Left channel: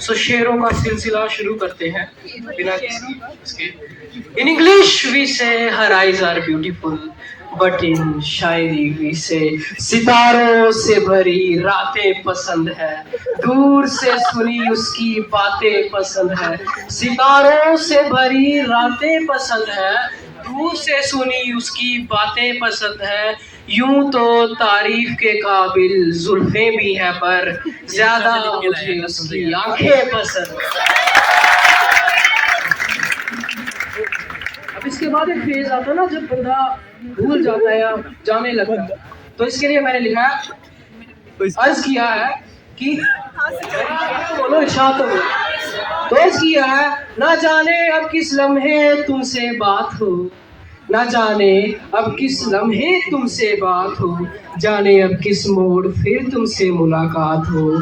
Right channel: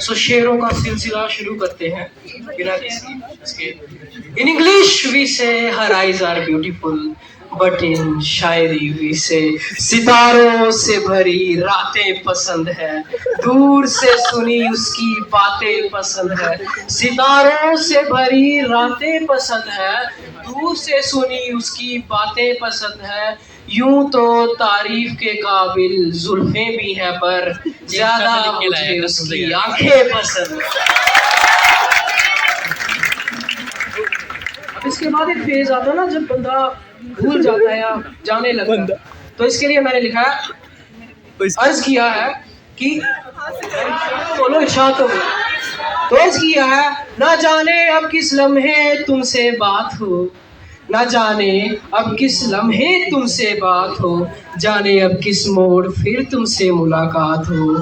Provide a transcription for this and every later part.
सो शेरों का सिलसिला शुरू करते हैं बिना किसी इसके। इन English we say her eyes are beautiful, but in shayari we say सितारों से भरी रातें पसंद है, दूर से सुनी उसकी बातें पसंद है। सितारों से भरी रातें पसंद है, दूर से सुनी उसकी बातें पसंद है। यूं तो तारीफ के काबिल जुल्फे भी है, पर ज्यादा मुझे उसकी आंखें पसंद है। अब इसके बाद एक फेज आता है ना जब बंदा भूल जाता है या जाने लगता है, तो इसके लिए मैंने लिखा है, अर्ज किया है कि बोलो इरशाद तो अर्ज किया है, ना जाने अब किस लम्हे तुमसे बात हो, ना जाने अब किस लम्हे तुमसे बात हो, जाने अब किस मोड़ फिर तुमसे मुलाकात हो।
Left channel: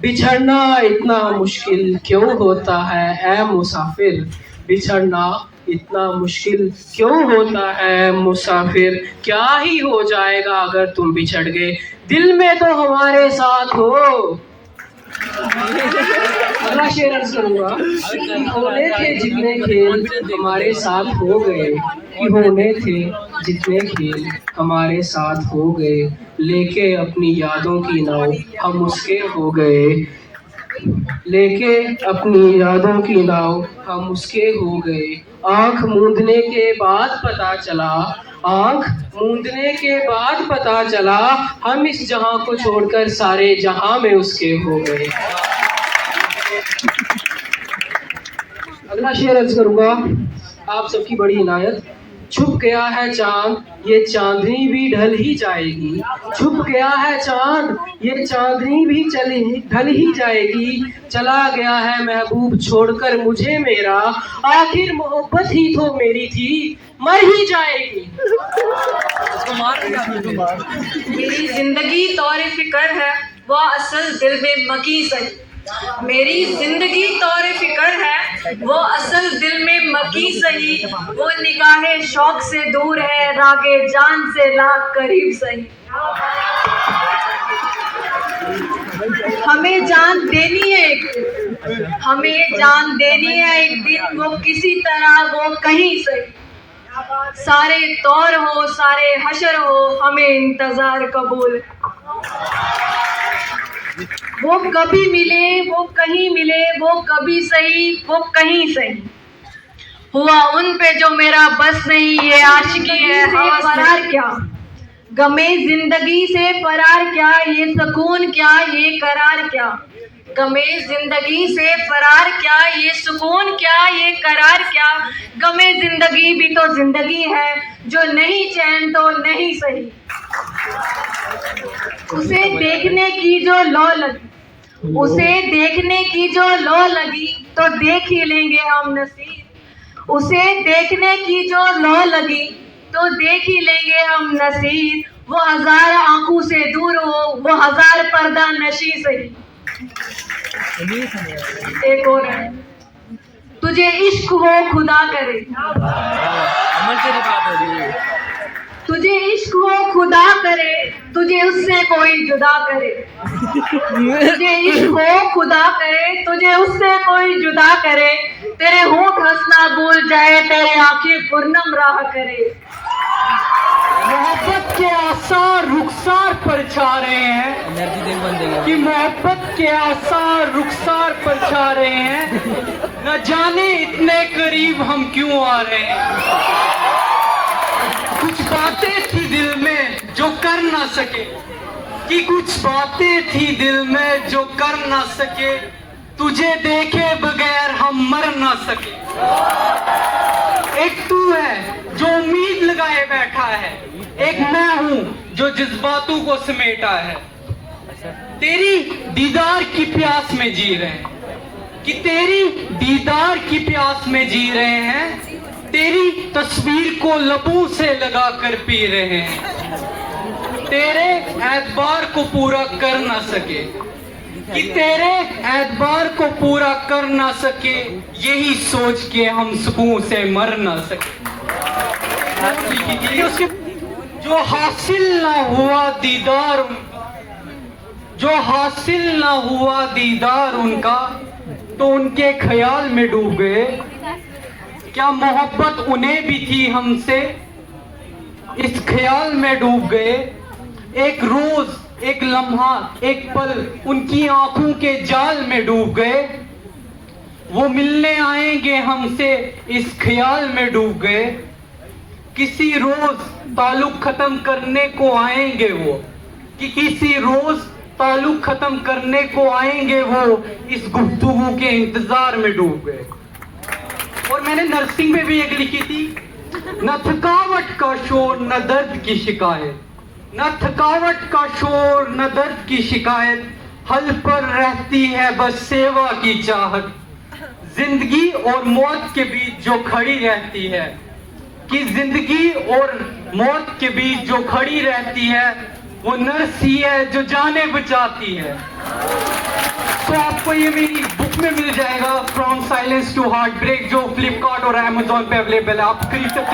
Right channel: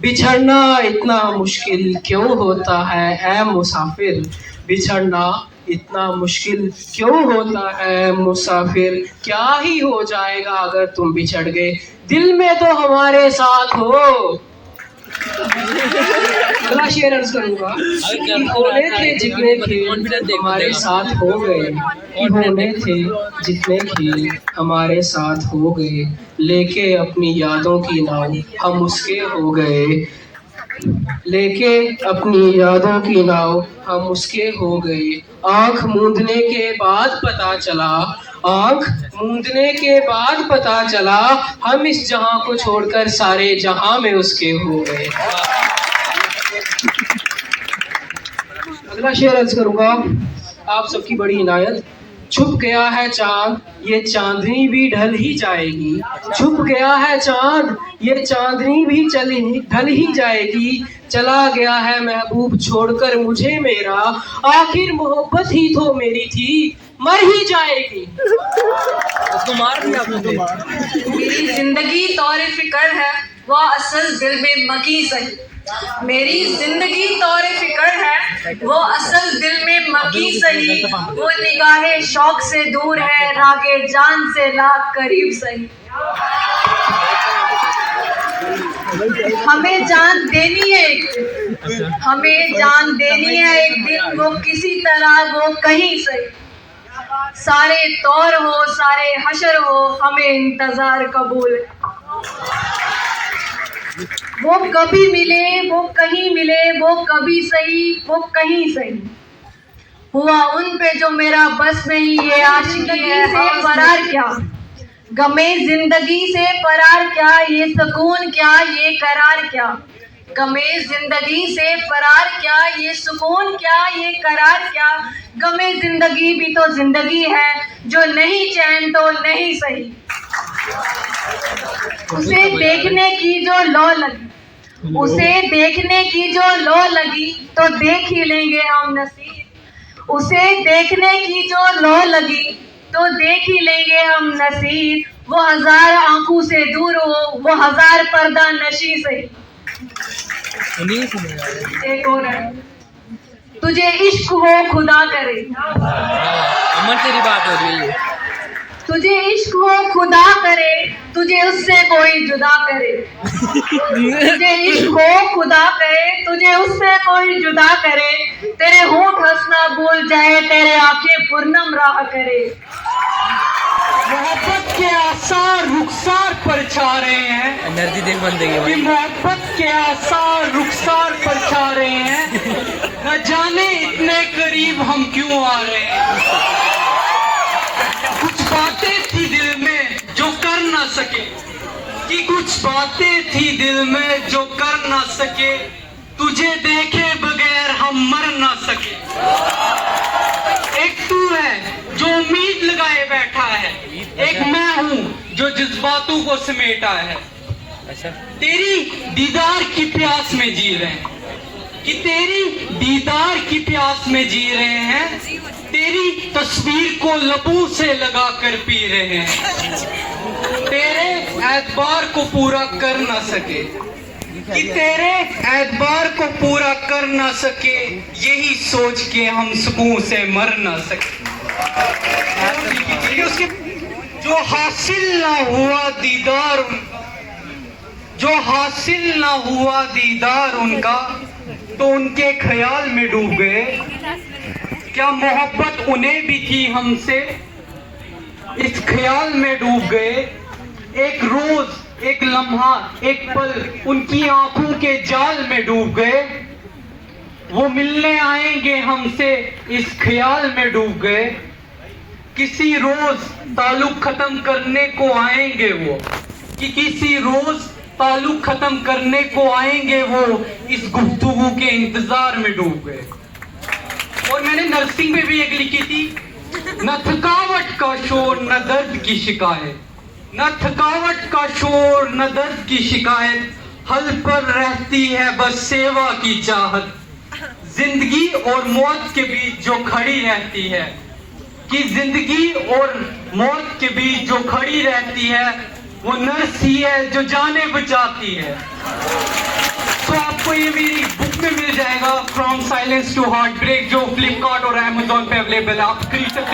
बिछड़ना इतना मुश्किल क्यों होता है ऐ मुसाफिर, बिछड़ना इतना मुश्किल क्यों होता है मुसाफिर। क्या ही हो जाएगा अगर तुम बिछड़ गए, दिल में तो हमारे साथ हो। अगला शेर अर्ज करूंगा कि होने थे जितने खेल हमारे साथ हो गए, कि होने थे जितने खेल हमारे साथ हो गए, लेके अपनी यादों की नाव हम उसके हो गए, लेके अपनी यादों की नाव हम उसके हो गए। आंख मूंदने के बाद पता चला, आंख मूंदने के बाद पता चला, हम इस जहां को छोड़कर सारे जहां में उसके हो गए। अगला शेर अर्ज करूंगा आप सबकी बड़ी इनायत। छुप गया है चांद, ये चांदनी भी ढल ही जाएगी, छुप गया है चांद, ये चांदनी भी ढल ही जाएगी। चला गया है महबूब छोड़कर मुझे मेरा, आखिर मोहब्बत ही तो मेरी थी, मर ही जाएगी। मेरी जिंदगी तौरे फिक्र है, वह असल दिल में मकी सही। मेरी जिंदगी तौरे फिक्र है, वो असल दिल में मकी सही। वो निगाहे शौक से दूर है, रागे जान से लाख करीब सही। हमें जान देनी है, हमें जान देनी है एक दिन, वो किसी तरह वो कहीं सही। सारे तौर हो सारे हशर हो, हमें इंतजार कबूल। वो कभी मिले वो कहीं मिले, वो कभी सही वो कहीं सही। हुआ उन पे जो मेरा बस नहीं, ये आशिकी है फरार क्या, गमे जिंदगी से फरार क्या, ये सुकून क्या ये करार क्या। गमे जिंदगी से फरार क्या, ये सुकून क्या ये करार क्या। गमे जिंदगी भी तो जिंदगी है, जो नहीं चैन तो नहीं सही। उसे देखने की जो लौ लगी, उसे देखने की जो लौ लगी, तो देख ही लेंगे हम नसीब। उसे देखने की जो लौ लगी, तो देख ही लेंगे हम नसीब। वो हजार आंखों से दूर हो, वो हजार पर्दा नशी से। एक और है, तुझे इश्क हो खुदा करे, अमन तेरी बात हो रही है। तुझे इश्क वो खुदा करे, तुझे उससे कोई जुदा करे। तुझे इश्क वो खुदा करे, तुझे उससे कोई जुदा करे। तेरे होंठ हंसना भूल जाए, तेरे आंखें पूर्णम राह करे। मोहब्बत के आसार रुखसार पर छा रहे हैं, एनर्जी देख बंदे कि मोहब्बत के आसार रुखसार पर छा रहे हैं, न जाने इतने करीब हम क्यों आ रहे हैं। कुछ बातें थी दिल में जो कर ना सके, कि कुछ बातें थी दिल में जो कर ना सके, तुझे देखे बगैर हम मर ना सके। एक तू है जो उम्मीद लगाए बैठा है, एक मैं हूँ जो जज्बातों को समेटा है। तेरी दीदार की प्यास में जी रहे हैं, कि तेरी दीदार की प्यास में जी रहे हैं, तेरी तस्वीर को लबों से लगा कर पी रहे हैं। तेरे एतबार को पूरा कर ना सके, कि तेरे एतबार को पूरा कर ना सके, यही सोच के हम सुकून से मर ना सके। उसके जो हासिल ना हुआ दीदार, जो हासिल न हुआ दीदार उनका तो उनके ख्याल में डूब गए। क्या मोहब्बत उन्हें भी थी हमसे, इस ख्याल में डूब गए। एक रोज, एक लम्हा, एक पल उनकी आंखों के जाल में डूब गए। वो मिलने आएंगे हमसे, इस ख्याल में डूब गए। किसी रोज ताल्लुक खत्म करने को आएंगे वो, कि किसी रोज ताल्लुक खत्म करने को आएंगे वो, इस गुफ्तगू के इंतजार में डूब गए। और मैंने नर्सिंग में भी एक लिखी थी, न थकावट का शोर न दर्द की शिकायत, न थकावट का शोर न दर्द की शिकायत, हल पर रहती है बस सेवा की चाहत। जिंदगी और मौत के बीच जो खड़ी रहती है, कि जिंदगी और मौत के बीच जो खड़ी रहती है, वो नर्स ही है जो जाने बचाती है। तो आपको ये मेरी बुक में मिल जाएगा, from silence to heartbreak, जो फ्लिपकार्ट और अमेजोन पे अवेलेबल है, आप खरीद सकते हैं।